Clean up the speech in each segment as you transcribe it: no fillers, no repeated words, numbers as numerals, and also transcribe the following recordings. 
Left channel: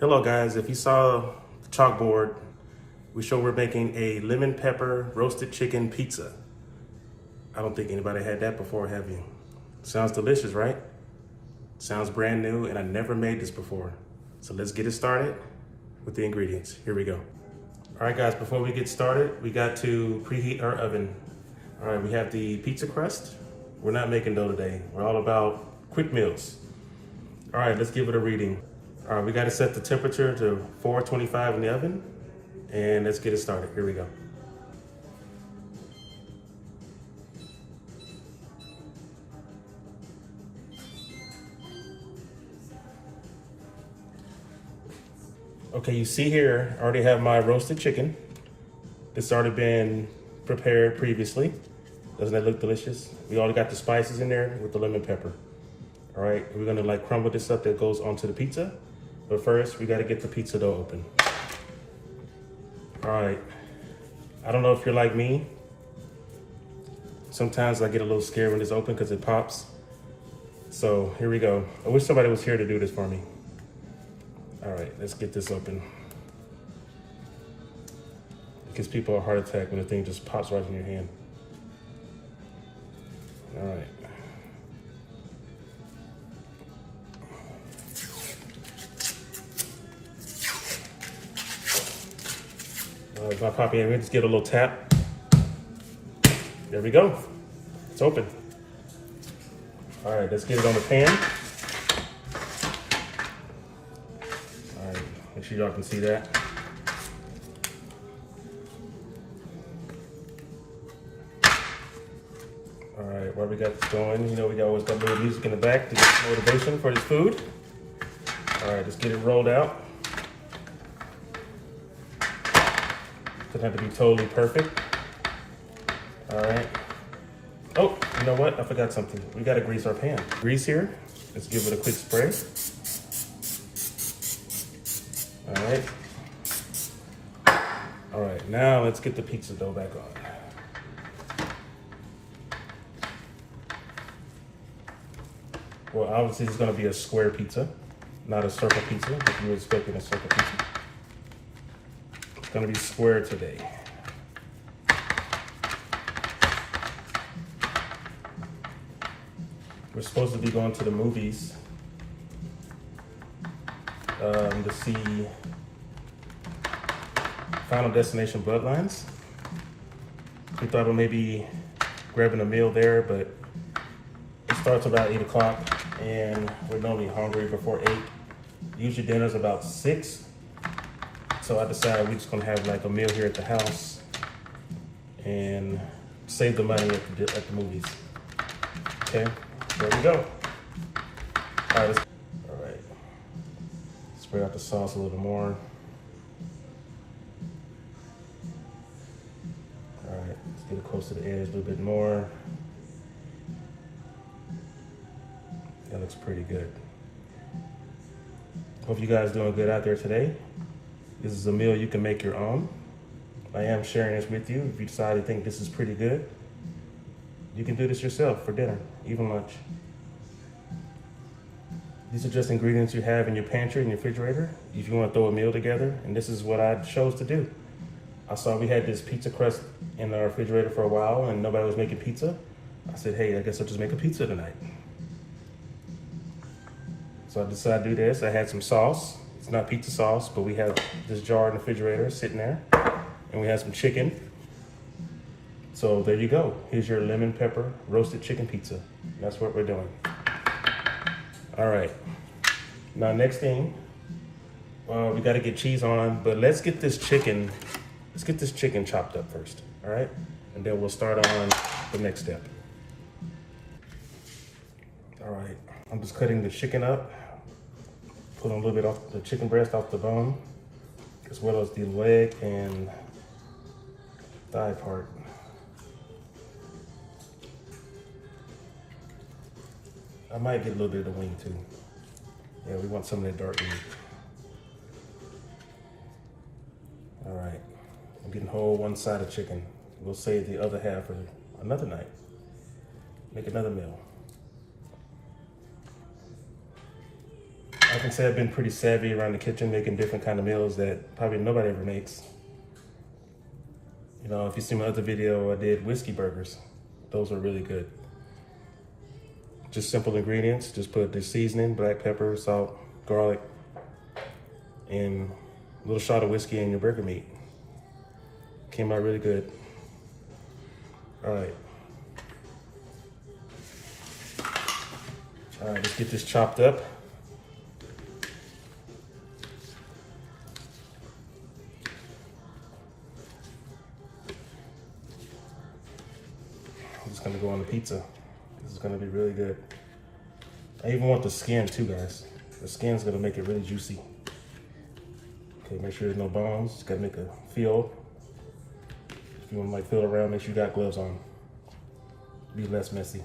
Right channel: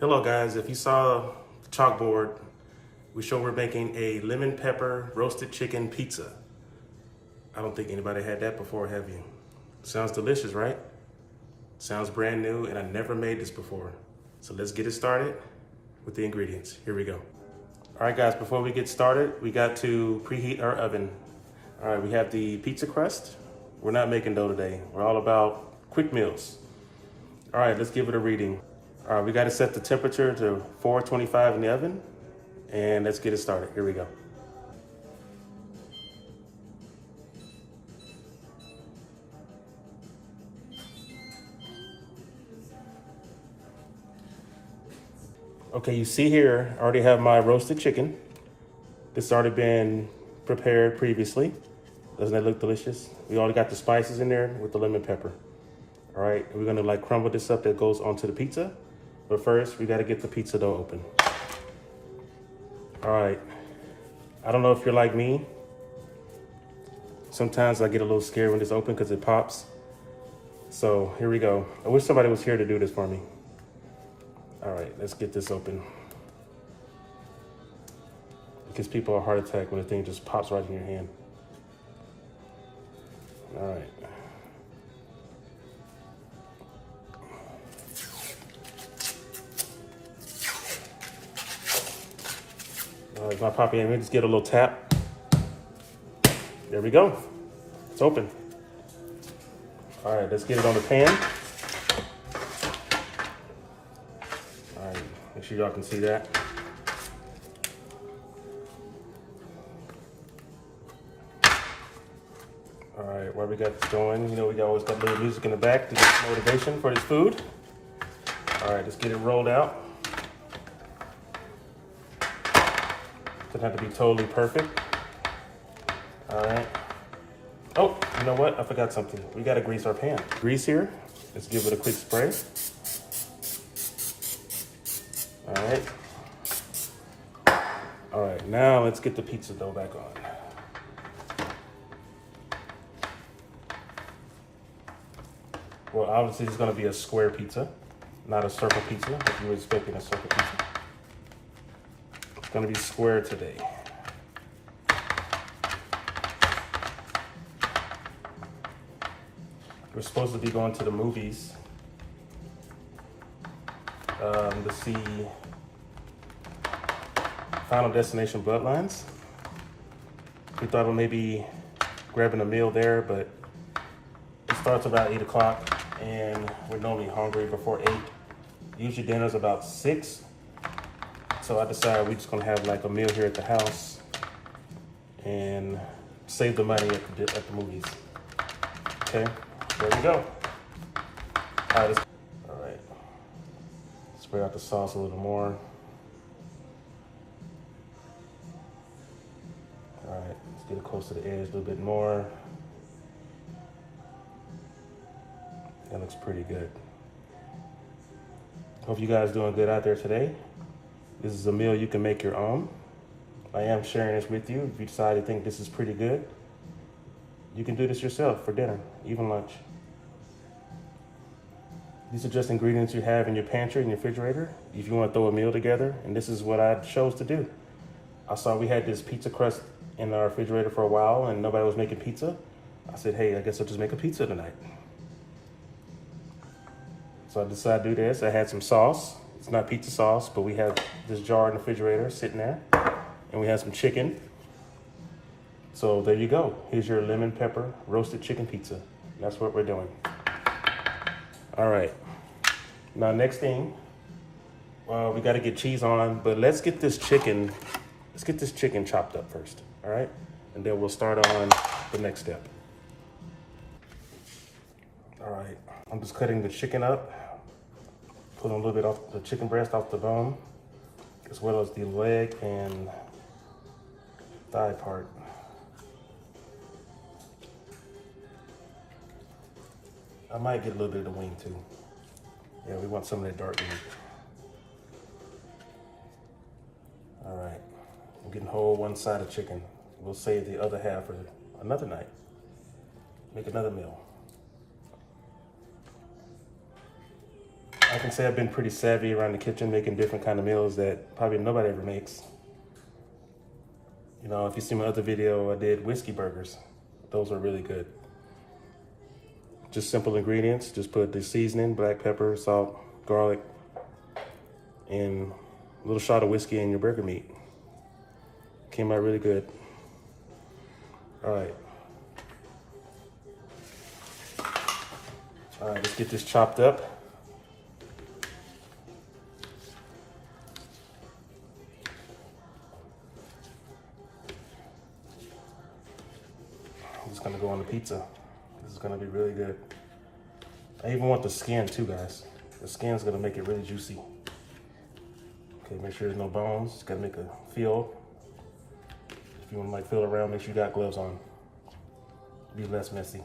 Hello guys, if you saw the chalkboard, we're making a lemon pepper roasted chicken pizza. I don't think anybody had that before, have you? Sounds delicious, right? Sounds brand new, and I never made this before. So let's get it started with the ingredients. Here we go. All right guys, before we get started, we got to preheat our oven. All right, we have the pizza crust. We're not making dough today. We're all about quick meals. All right, let's give it a reading. All right, we got to set the temperature to 425 in the oven, and let's get it started. Here we go. Okay, you see here, I already have my roasted chicken. This already been prepared previously. Doesn't that look delicious? We already got the spices in there with the lemon pepper. All right, we're gonna like crumble this up that goes onto the pizza. But first, we gotta get the pizza dough open. All right, I don't know if you're like me. Sometimes I get a little scared when it's open because it pops. So here we go. I wish somebody was here to do this for me. All right, let's get this open. It gives people a heart attack when the thing just pops right in your hand. All right. All right, my poppy, let me just get a little tap. There we go. It's open. All right, let's get it on the pan. All right, make sure y'all can see that. All right, while we got this going, you know, we always got a little music in the back to get motivation for this food. All right, let's get it rolled out. Doesn't have to be totally perfect. All right. Oh, you know what? I forgot something. We gotta grease our pan. Grease here. Let's give it a quick spray. All right. All right, now let's get the pizza dough back on. Well, obviously it's gonna be a square pizza, not a circle pizza, if you were expecting a circle pizza. It's gonna be square today. We're supposed to be going to the movies to see Final Destination Bloodlines. We thought of maybe grabbing a meal there, but it starts about 8 o'clock and we're normally hungry before 8. Usually dinner's about 6. So I decided we're just gonna have like a meal here at the house and save the money at the movies. Okay, there we go. All right, spread out the sauce a little more. All right, let's get it close to the edge a little bit more. That looks pretty good. Hope you guys doing good out there today. This is a meal you can make your own. I am sharing this with you. If you decide to think this is pretty good, you can do this yourself for dinner, even lunch. These are just ingredients you have in your pantry and your refrigerator if you want to throw a meal together, and this is what I chose to do. I saw we had this pizza crust in our refrigerator for a while and nobody was making pizza. I said, hey, I guess I'll just make a pizza tonight. So I decided to do this. I had some sauce. It's not pizza sauce, but we have this jar in the refrigerator sitting there, and we have some chicken. So there you go. Here's your lemon pepper roasted chicken pizza. That's what we're doing. All right. Now next thing, we got to get cheese on, but let's get this chicken chopped up first. All right, and then we'll start on the next step. All right, I'm just cutting the chicken up. Put a little bit off the chicken breast off the bone, as well as the leg and thigh part. I might get a little bit of the wing too. Yeah, we want some of that dark meat. All right, I'm getting whole one side of chicken. We'll save the other half for another night. Make another meal. I can say I've been pretty savvy around the kitchen making different kind of meals that probably nobody ever makes. You know, if you see my other video, I did whiskey burgers. Those are really good. Just simple ingredients. Just put the seasoning, black pepper, salt, garlic, and a little shot of whiskey in your burger meat. Came out really good. All right. All right, let's get this chopped up. I'm just gonna go on the pizza. This is gonna be really good. I even want the skin too, guys. The skin's gonna make it really juicy. Okay, make sure there's no bones. Just gotta make a feel. If you wanna like feel around, make sure you got gloves on. Be less messy.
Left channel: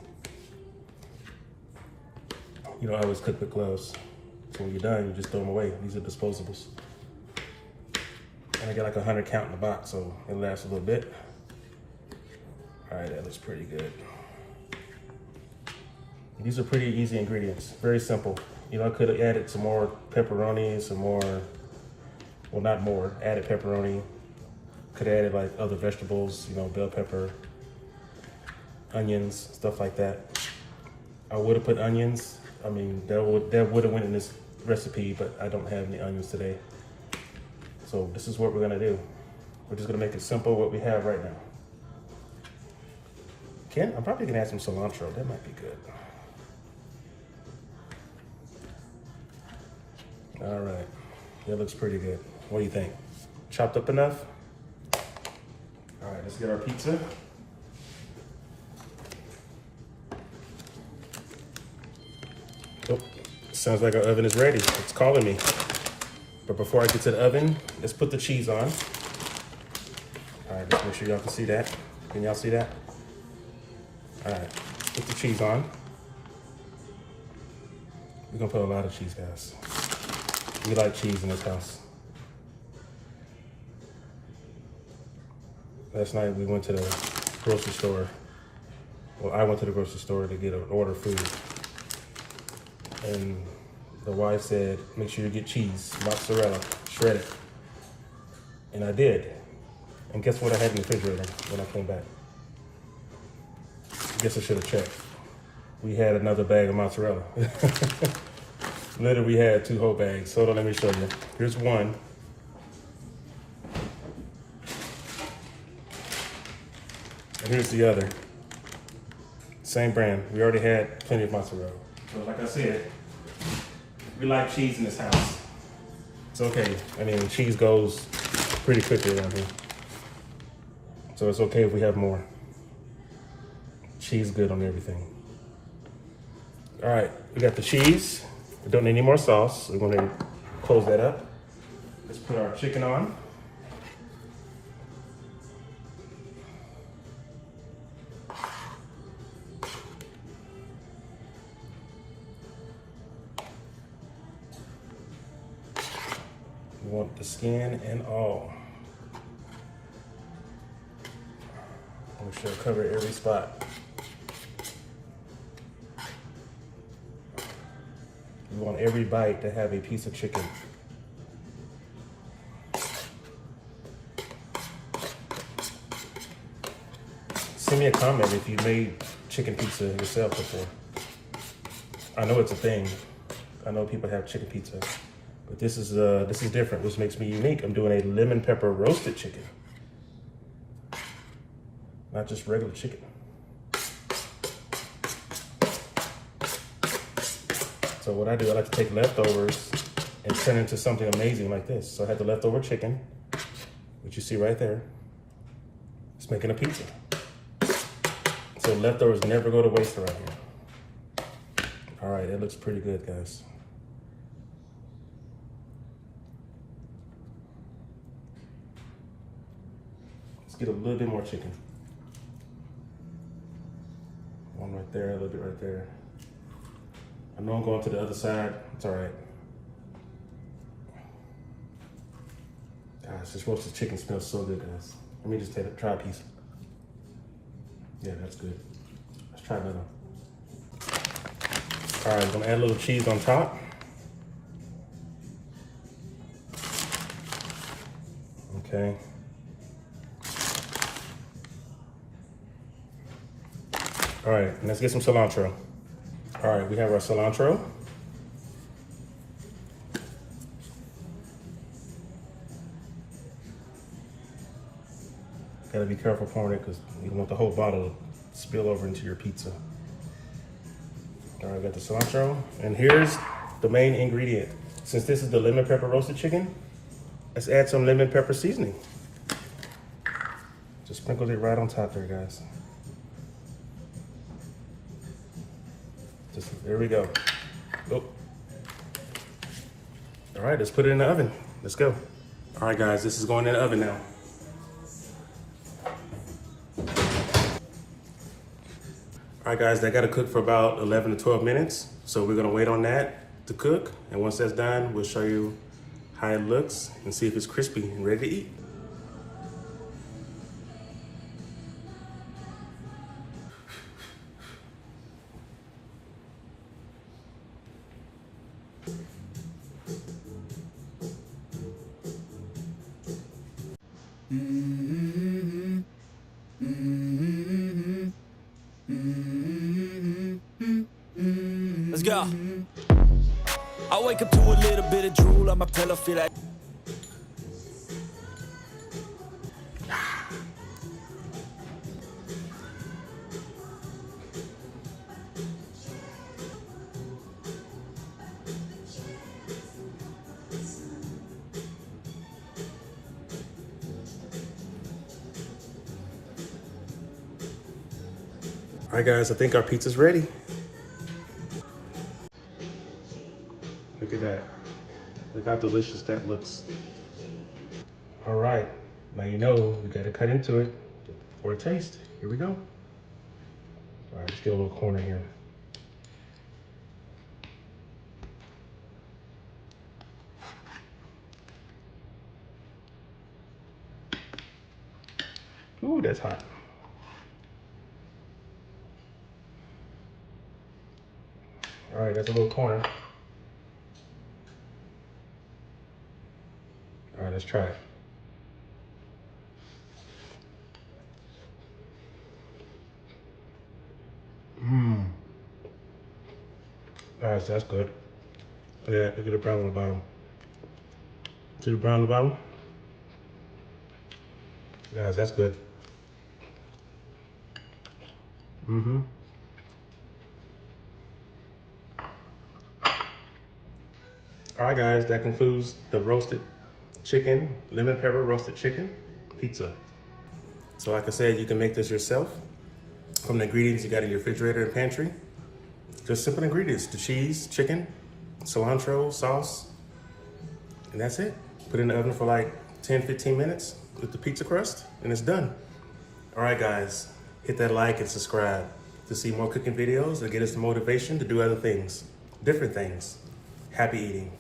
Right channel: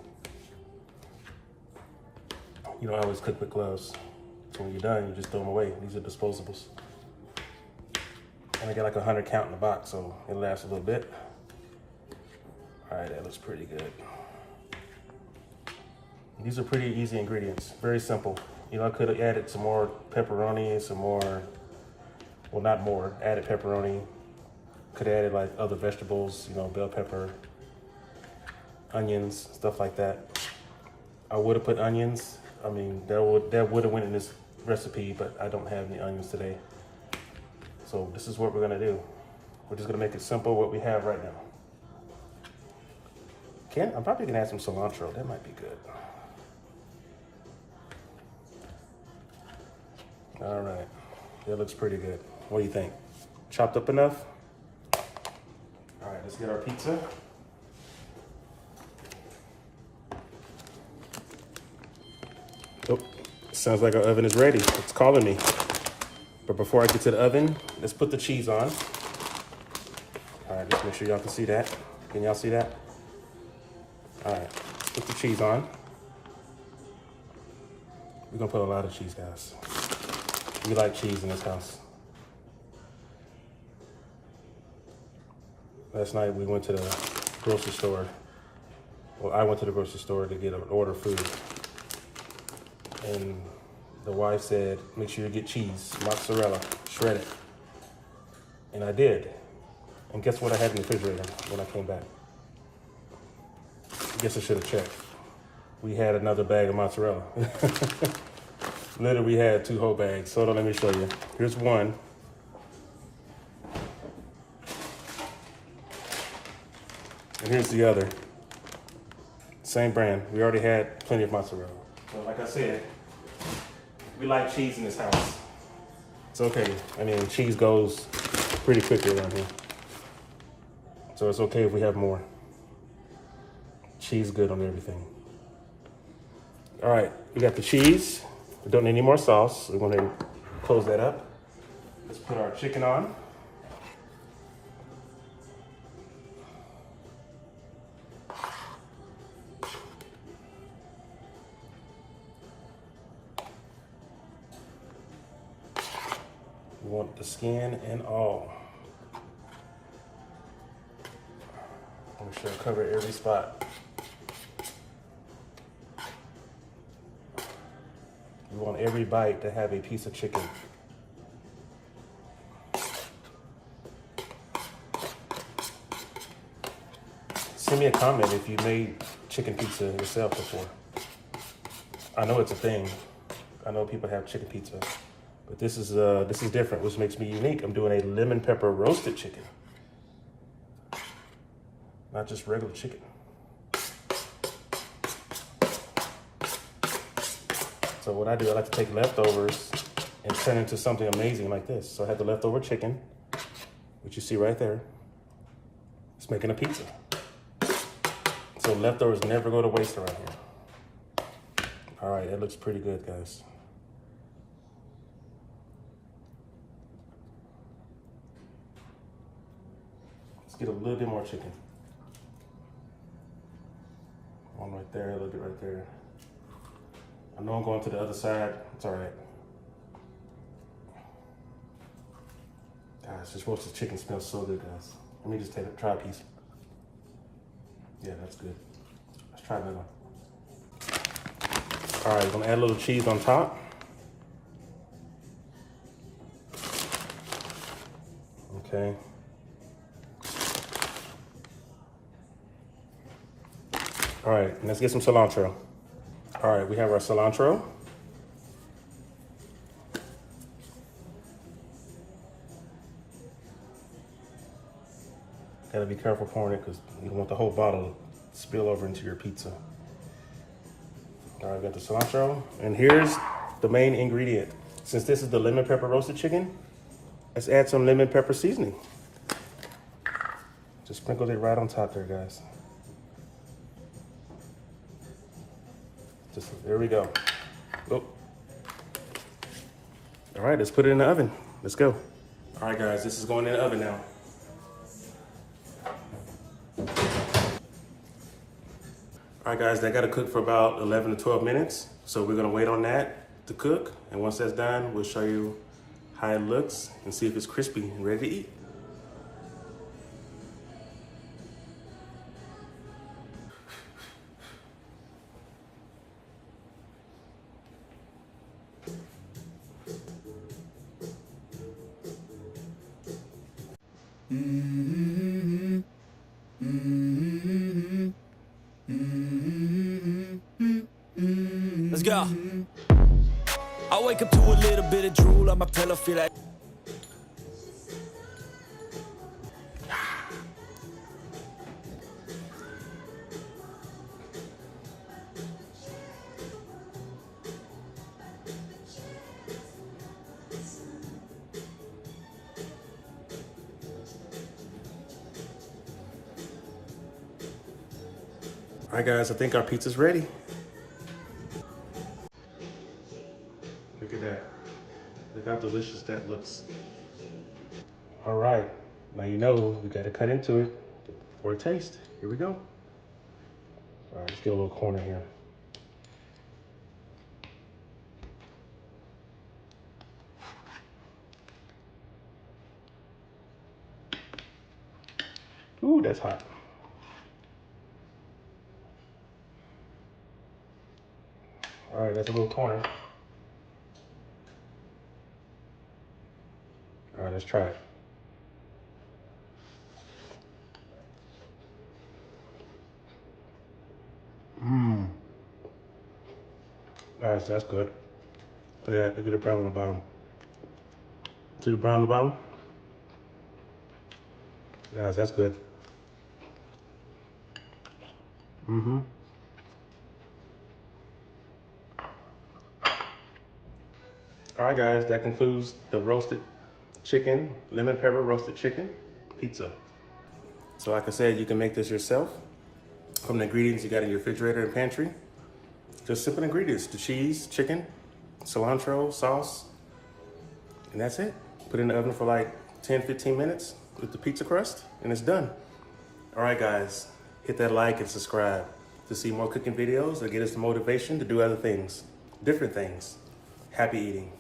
You don't always cook with gloves. So when you're done, you just throw them away. These are disposables. And I got like 100 count in the box, so it lasts a little bit. All right, that looks pretty good. These are pretty easy ingredients, very simple. You know, I could have added some more pepperoni, some more, well, not more, added pepperoni. Could have added like other vegetables, you know, bell pepper, onions, stuff like that. I would have put onions. I mean, that would have went in this recipe, but I don't have any onions today. So this is what we're gonna do. We're just gonna make it simple, what we have right now. I'm probably gonna add some cilantro. That might be good. All right, that looks pretty good. What do you think? Chopped up enough? All right, let's get our pizza. Oh, sounds like our oven is ready. It's calling me. But before I get to the oven, let's put the cheese on. All right, just make sure y'all can see that. Can y'all see that? All right, put the cheese on. We're gonna put a lot of cheese, guys. We like cheese in this house. Last night we went to the grocery store. Well, I went to the grocery store to get an order food. And the wife said, make sure you get cheese, mozzarella, shredded. And I did. And guess what I had in the refrigerator when I came back? Guess I should have checked. We had another bag of mozzarella. Literally, we had 2 whole bags. So let me show you. Here's one. And here's the other. Same brand. We already had plenty of mozzarella. So like I said, we like cheese in this house. It's okay. I mean, cheese goes pretty quickly around here. So it's okay if we have more. Cheese good on everything. All right, we got the cheese. We don't need any more sauce. We're gonna close that up. Let's put our chicken on. We want the skin and all. I'm sure cover every spot. You want every bite to have a piece of chicken. Send me a comment if you made chicken pizza yourself before. I know it's a thing. I know people have chicken pizza, but this is different, which makes me unique. I'm doing a lemon pepper roasted chicken, not just regular chicken. So what I do, I like to take leftovers and turn it into something amazing like this. So I had the leftover chicken, which you see right there. It's making a pizza. So leftovers never go to waste around here. All right, that looks pretty good, guys. Let's get a little bit more chicken. One right there, a little bit right there. I know I'm going to the other side. It's all right. Guys, this roasted chicken smells so good, guys. Let me just try a piece. Yeah, that's good. Let's try another. All right, gonna add a little cheese on top. Okay. All right, let's get some cilantro. All right, we have our cilantro. Gotta be careful pouring it because you don't want the whole bottle to spill over into your pizza. All right, got the cilantro. And here's the main ingredient. Since this is the lemon pepper roasted chicken, let's add some lemon pepper seasoning. Just sprinkle it right on top there, guys. There we go. Oh. All right, let's put it in the oven. Let's go. All right, guys, this is going in the oven now. All right, guys, that got to cook for about 11 to 12 minutes. So we're gonna wait on that to cook. And once that's done, we'll show you how it looks and see if it's crispy and ready to eat. Let's go. I wake up to a little bit of drool on my pillow, feel like All right, guys, I think our pizza's ready. Look at that. Look how delicious that looks. All right, now you know we gotta cut into it for a taste. Here we go. All right, let's get a little corner here. Ooh, that's hot. All right, that's a little corner. All right, let's try it. Mmm. Guys, that's good. Yeah, look at the brown on the bottom. See the brown on the bottom? Guys, that's good. Mm-hmm. All right, guys, that concludes the roasted chicken, lemon pepper roasted chicken pizza. So like I said, you can make this yourself from the ingredients you got in your refrigerator and pantry. Just simple ingredients, the cheese, chicken, cilantro, sauce, and that's it. Put it in the oven for like 10, 15 minutes with the pizza crust, and it's done. All right, guys, hit that like and subscribe to see more cooking videos that get us the motivation to do other things, different things. Happy eating.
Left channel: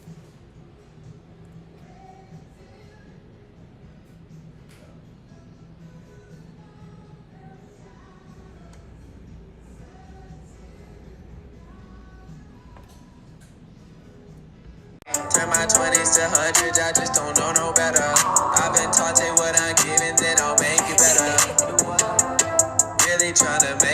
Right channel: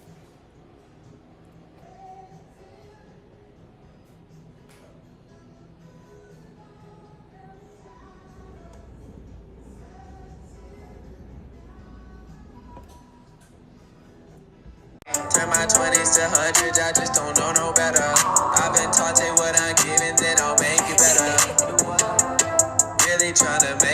Turn my 20s to hundreds, I just don't know no better. I've been taught take what I'm giving, then I'll make it better. Really tryna make